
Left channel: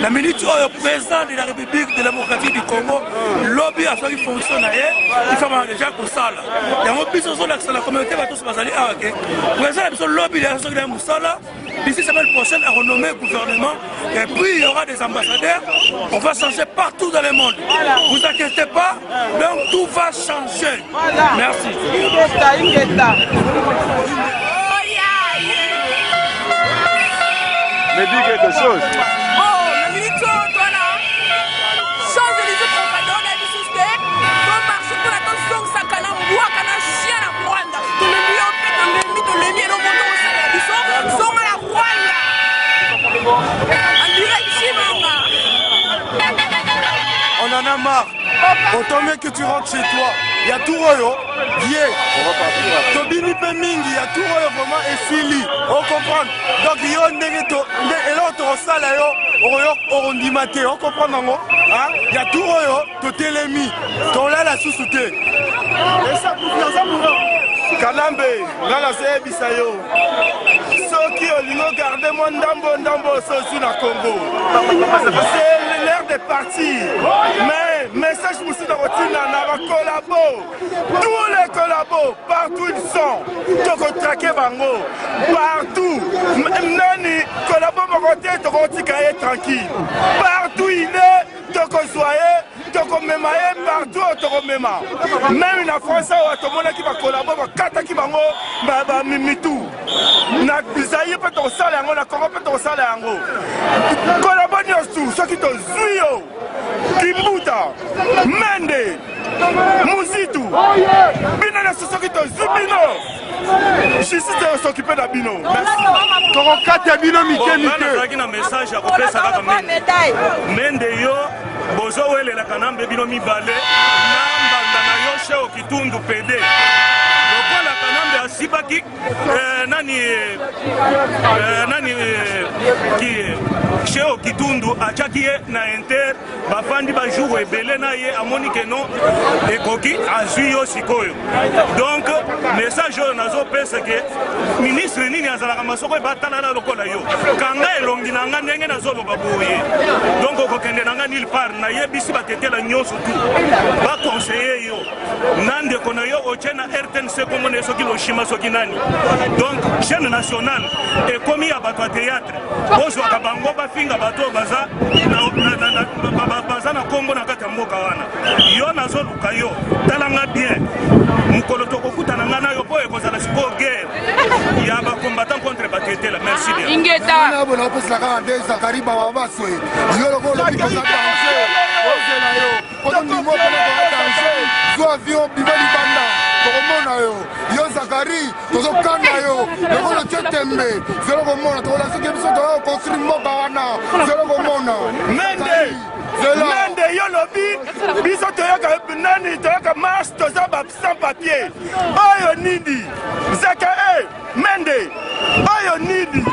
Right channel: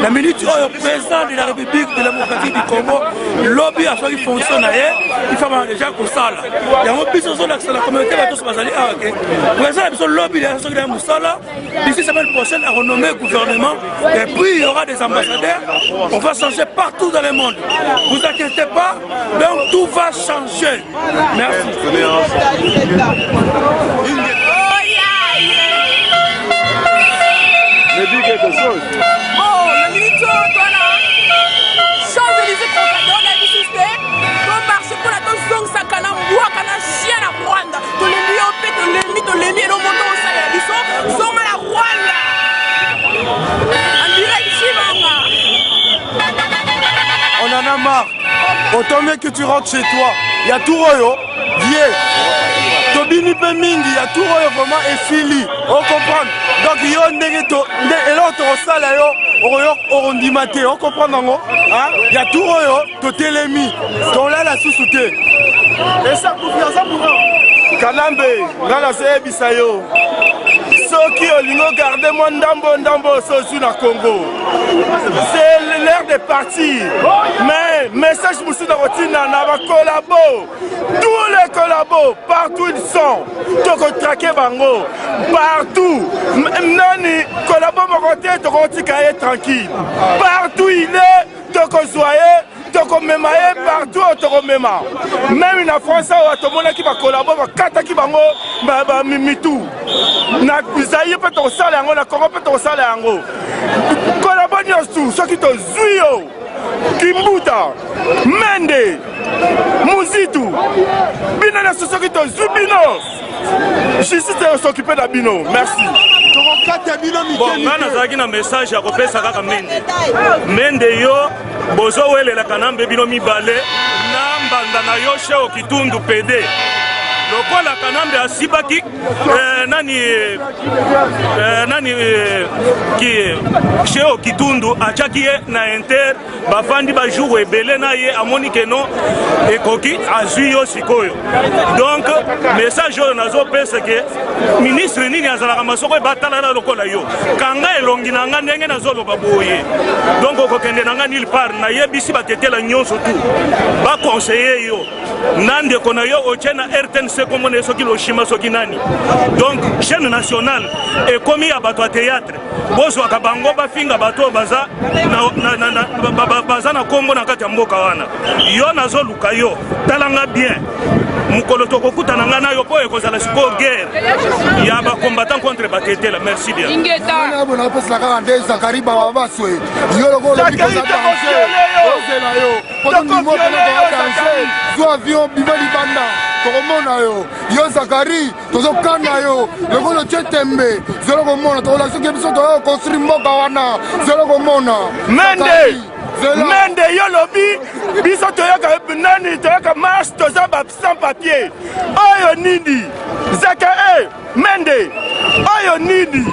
La minute oyo président de la République démocratique du Congo lobby a fait fonctionner il faut déjà ko sala. Ya mo biso zo la communauté ba tous bazali awa ke. Président biso lobby ya so na musala. D'ici semaine prochaine à renommer gouvernement et puis il y aura des ambassadeurs. On va changer partout dans le monde. Vous inquiétez pas, donc tout va changer. Merci. Me dis quelque chose. Oh, le militaire, toi là. Champs-Élysées, Trocadéro, la Bissouste. Ton marché pour la tonne, ça canne, bois, canne, chien à Rwanda. Tout le lieu, tout le mieux, le monde au salaire, la Bissou, sont à la Rwanda. En direct, Chimanga. On en a marre. Autant mieux que tu rentres chez toi. Il y a tout royo, vieux. Tobini pe mingi, il y a tout royo vraiment esili. On comprend. Donc il y a un négato, et là on te sala yo, royo orondimate, on comprend non? Il y a tout royo, to telemi, ton là la sous-souté. Et ça confiance à moi. Kanambe, ngala se bisayo. Soki olingo garder mon ndambo sosu na Congo. C'est l'heure de partir. Mais message Moussouda Rotina na ba collabo. Tous les collabos, partout ils sont. Toko traquer bango. Partout. Nani collabo mokote toko tikaye tranquille. Partout il est, toko soyez. Toko memaye partout toko mema. Même en France où atomona qui va collaborer va kata qui bango ba mimitu. Na bisaye peut to sala yango na Congo peut to sala yango. Collabore nyonso ceux qui to zuyo. Kimbuta, Mende, Muzitu, Bino na ceux qui to zubino. Justice de s'occuper d'Abino. Merci. Bon, on a un message à refaire ça à Mende. Mende yo, bozo wele la kanambe bino mi balé, namba na yo chez Okitundu PD. lokola Kanambe asibaki nani Cheo Kitundu atiaki ye na Inter bafandi bajour ebele na ye amoni ke non ekoki azwi yo sikoyo. Donc message oyo nazopesa ke ministre nini azalaka masoko ebatalala lokola yo kanga elongi na nga ndenge nazoloba boye. Donc okokende na nga nulle part nayebisi batetela nyonso tu baconseiller yo nandeko na yo otie na RTNC komona soki loshima soki nani. Donc chaîne nationale ekomi ya bato ya théâtre bozwaka bango bafinga bato baza na kombo na kati ya mboka wana yo nazoluka yo talanga bien mukolo tokokutana nga na yo po ekozala sikoyo guerre ya bacombattant contre batetela. Merci bien. Ingeta Zakari Babaswe yo loko lobi koza danger ozela yo poto ndimo pena ko danger zo avion bima libanda tokomona yo Zakari tozokanda yo lokolo chetembe zelo komona tokola soki biso to construire mboka wana zelo komona Mende yo lobi biso toyoka nani toyoka marche toza ba sans papier oyo nini Zaka Mende oyo nini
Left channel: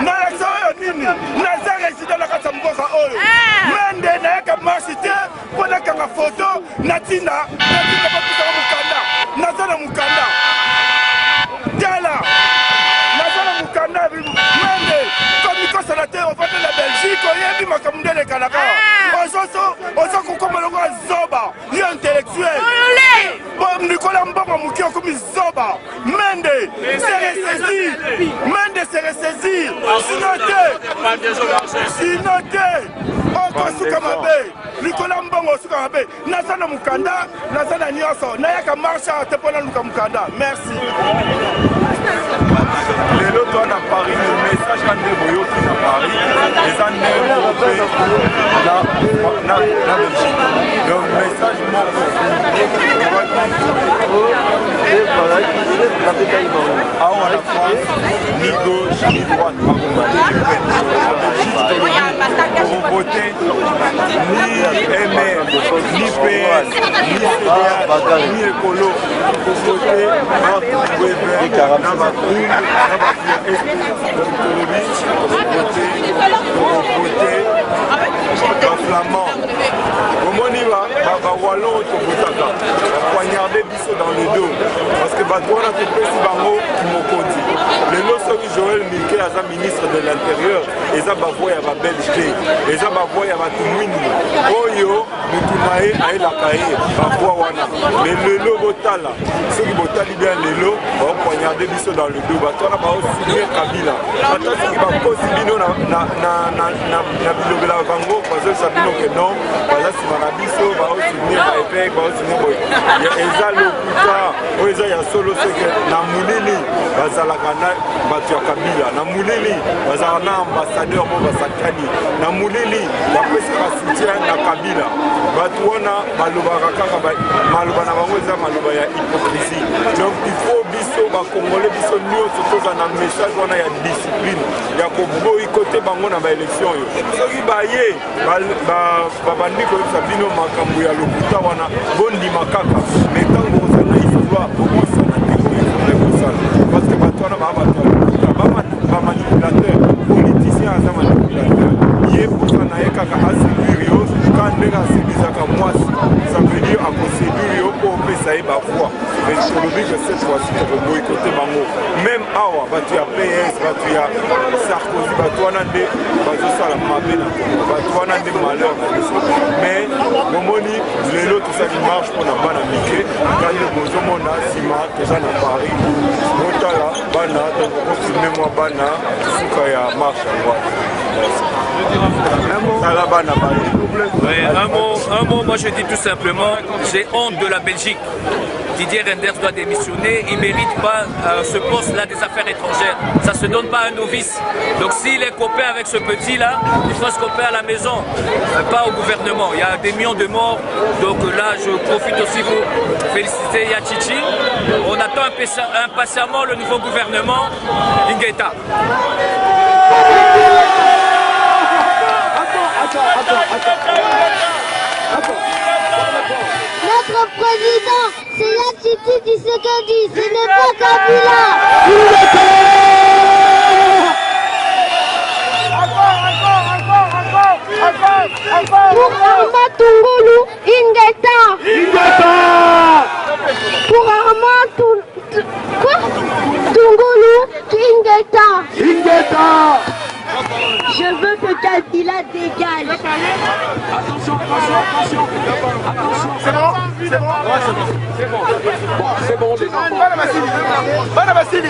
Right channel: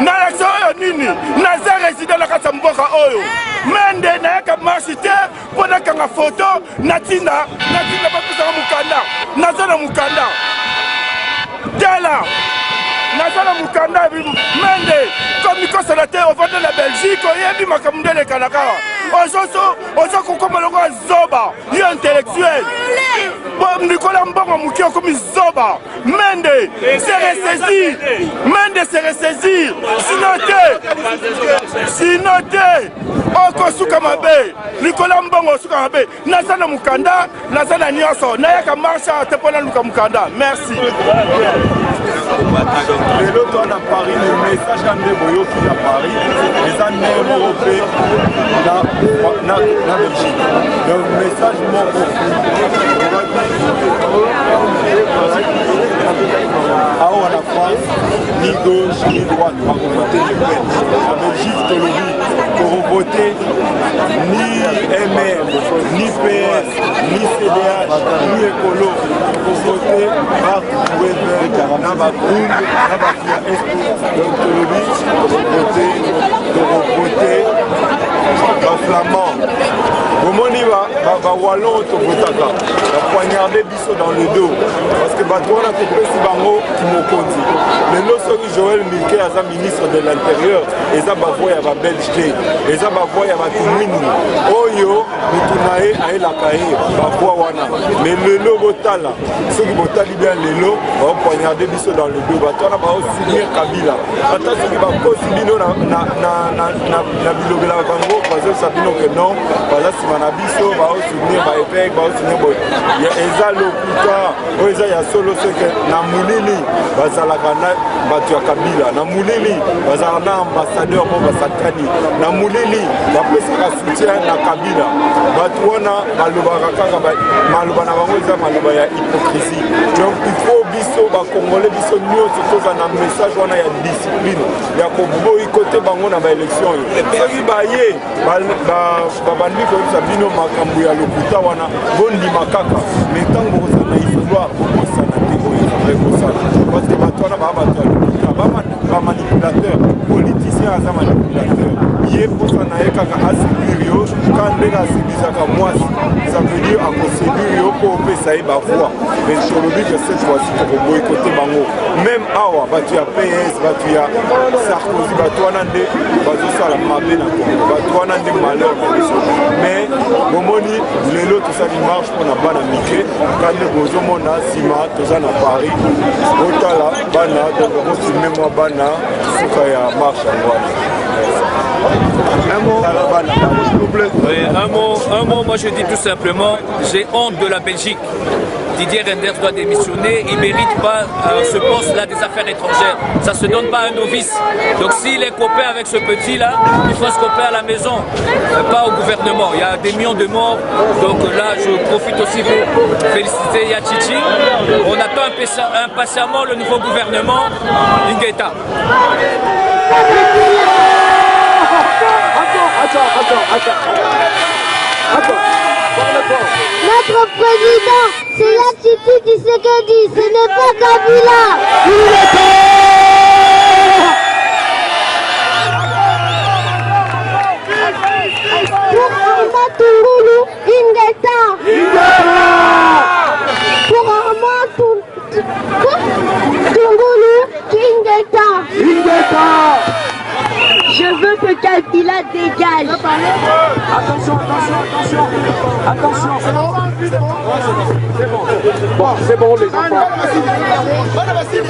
na l'action oyo nini naza résident na kati ya mboka oyo Mende nayaka marche te mpo nakanga foto natinda bakusaka mukanda naza na mukanda tala naza na mukanda Mende comme kosala te ovanda na Belgique oyebi makambo nde elekalaka ozo kokoma longo zoba yo intellectuel Nicolas Mbongo Mouki okomi zoba Mende se ressaisir sinon te okosuka mabe Nicolas Mbongo osuka mabe naza na mukanda naza na nyonso nayaka marche te mpo naluka mukanda. Merci. Lelo to na Paris le message kande boyoki na Paris les années européens na Belgique. Donc message moko à la France ni gauche ni droite va voter Le Pen. La Belgique pour voter ni MR ni PS ni CDH ni Écolo pour voter Marc Weber na Macron na Bafia SP. Donc pour voter Flamand. Bomoni va wallon to votaka va poignarder biso dans le dos parce que batouana te pesi bango kimokonzi lelo soki Joël Milke aza ministre de l'intérieur eza bavoya ya ba Belgique eza bavoya ya batu mwindu oyo mutu na ye ayelaka ye bavoya wana mais lelo botala soki botali bien lelo va poignarder biso dans le dos batouana ba signer Kabila ata soki bakosi bino na bilobela bango bazo sabino que non baza Manabiso va soutenir évêque va soutenir boy eza lokuta o eza ya solo seke na mulili bazalaka na batu ya Kabila na mulili bazalaka na ambassadeur mo basakani na mulili bapesaka soutien na Kabila batu wana balobaka kaka maloba na bango eza maloba ya hypocrisie. Donc il faut biso ba congolais biso nyonso toza na message wana ya discipline ya koboyi côté bango na ba élection yo soki baye babandi ko bino makambo ya lokuta wana bondima kaka mais tango bokosa na isoloir bobosana te oyo faudrait bosala parce que bato wana baa bato ya lokuta bamanipulateur politicien aza manipulateur ye posana ye kaka aséduire yo ka ndenge aséduisaka mwasi ça veut dire akoséduire yo mpo opesa ye bavoi mais tolobi que cette fois-ci tokoboykote bango même awa bato ya PS bato ya Sarkozy bato wana nde bazosala mabe na Congo bato wana nde malheur na biso mais bomoni lelo tosali marche mpona bana mike kande bozomona nsima toza na Paris botala bana donc bofilme mwa bana suka ya marche yango wana. Un mot, moi je dis tout simplement, j'ai honte de la Belgique. Didier Reynders doit démissionner, il ne mérite pas ce poste-là des affaires étrangères. Ça ne se donne pas à un novice. Donc s'il est copain avec ce petit-là, il faut se copain à la maison, pas au gouvernement. Il y a des millions de morts. Donc là, je profite aussi pour féliciter Yachichi. On attend impatiemment le nouveau gouvernement Ingeta. Attends. notre président, c'est l'attitude du Tshisekedi, ce n'est pas Kabila. Pour Armand Tungulu, Ingeta. Pour Armand Tungulu, Ingeta. Je veux que Kabila dégage. Attention, c'est bon. Bon, c'est bon les enfants. Madame Vassili.